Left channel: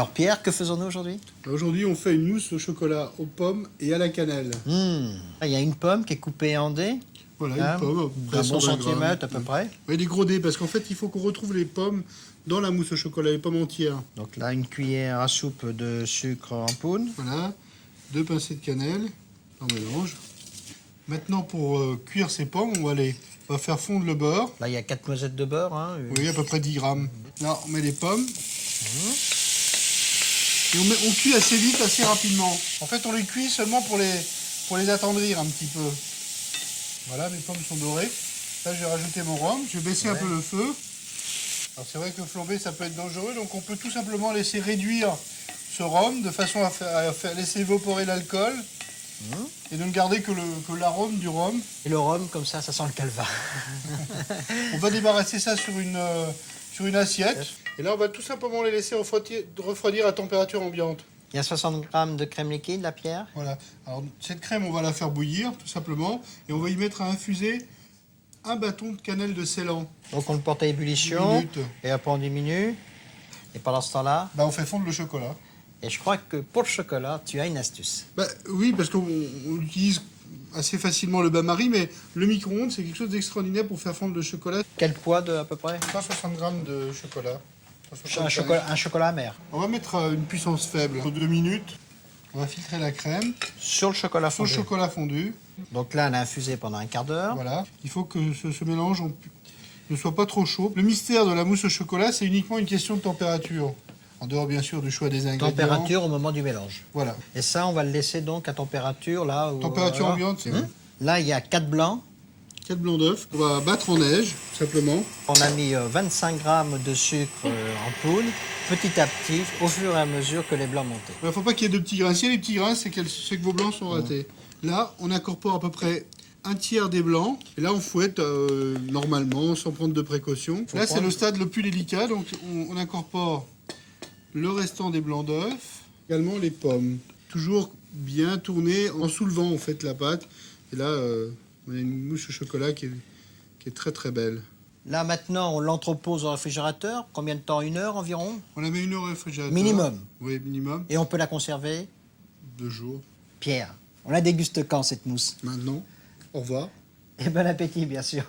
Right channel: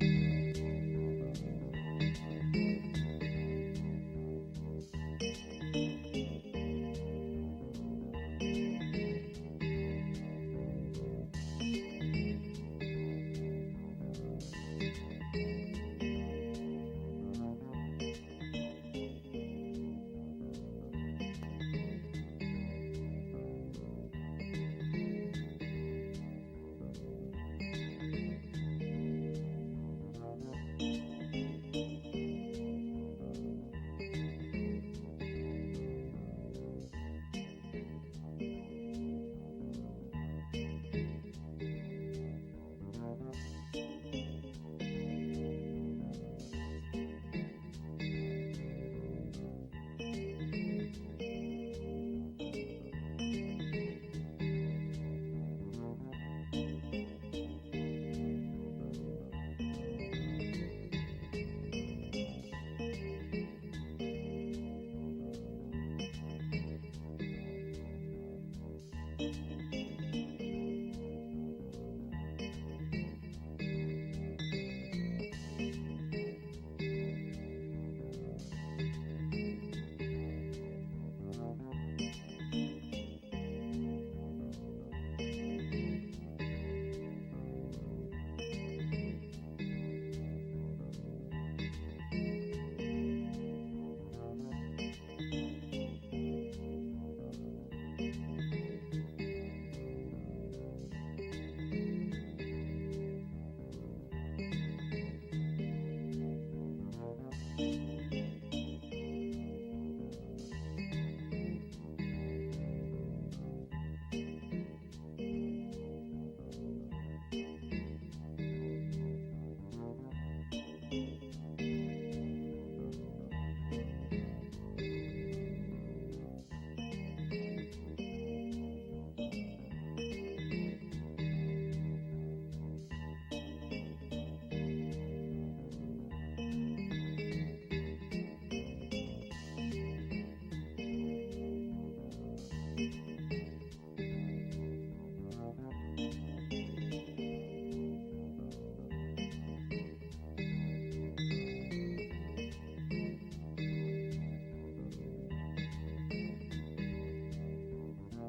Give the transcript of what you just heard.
Alors Pierre, que faisons-nous aujourd'hui? Aujourd'hui, on fait une mousse au chocolat aux pommes et à la cannelle. Il y a une pomme qui est coupée en dés. Voilà, Hein, une pomme, à peu près un bon 120 grammes. centimètre à peu près. Ouais, des gros dés, parce qu'en fait, il faut qu'on retrouve les pommes dans la mousse au chocolat, les pommes entières. Donc là, une cuillère à soupe de sucre en poudre. Voilà, 2 pincées de cannelle, on mélange. Maintenant, pour cuire ces pommes, on va faire fondre le beurre. Là, il y a 4 noisettes de beurre. Hein. Oui, à peu près 10 grammes. Là, on met les pommes. Et on cuit assez vite, assez rapidement. En fait, on les cuit seulement pour les attendrir un petit peu. Voilà, mes pommes sont dorées. Là, je vais rajouter mon rhum. Je vais baisser un peu le feu. Alors, c'est vrai que flamber, ça peut être dangereux. Donc, on peut tout simplement laisser réduire ce rhum de façon à laisser évaporer l'alcool. Et de ne garder que l'arôme du rhum. Et le rhum, comme ça sent le calva. On va débarrasser ça sur une assiette. Et là, on va tout simplement les laisser refroidir à température ambiante. Il y a 60 grammes de crème liquide, la Pierre. Voilà. Alors, cette crème, on va la faire bouillir, tout simplement. Et on va y mettre à infuser un bâton de cannelle de Ceylan. Donc on le porte à ébullition. 10 minutes. Et après on diminue. Et pendant ce temps-là, On fait fondre le chocolat. et je crois que pour le chocolat, tu as une astuce. Oui, parce qu'on utilise assez facilement le bain-marie, mais le micro-ondes, c'est quelque chose d'extraordinaire pour faire fondre le chocolat. Quel poids à peu près? 160 grammes de chocolat. Un chocolat amer. On va mettre une puissance faible. Pour 2 minutes, on va filtrer la crème Sur le chocolat sur le fondu. chocolat fondu. Donc là, on a infusé pendant un quart d'heure. Voilà. Il faut que ce mélange ne soit pas trop chaud. Le mystère de la mousse au chocolat, c'est uniquement une question de température. En dehors, bien sûr, du choix des ingrédients. Température au moment du mélange. Voilà. Et ça, on va le laisser donc à température là. Température ambiante, c'est Là, il y a 4 blancs. 4 blancs d'œufs. On va battre en neige, tout simplement. On a mis 25 grammes de sucre en poudre, petit à petit, au fur et à mesure que les blancs montaient. Il ne faut pas qu'il y ait de petits grains. S'il y a des petits grains, c'est que vos blancs sont ratés. Là, on incorpore à peu près un tiers des blancs. Et là, on fouette normalement, sans prendre de précautions. Là, c'est le stade le plus délicat. Donc, on incorpore le restant des blancs d'œufs. Également les pommes. Toujours bien tourner en soulevant en fait la pâte. Et là, on a une mousse au chocolat qui est très très belle. Là maintenant, on l'entrepose au réfrigérateur. Combien de temps? 1 heure environ? On la met 1 heure au réfrigérateur. Minimum. Oui, minimum. Et on peut la conserver? 2 jours. Pierre, on la déguste quand cette mousse? Maintenant, au revoir. Et bon appétit bien sûr.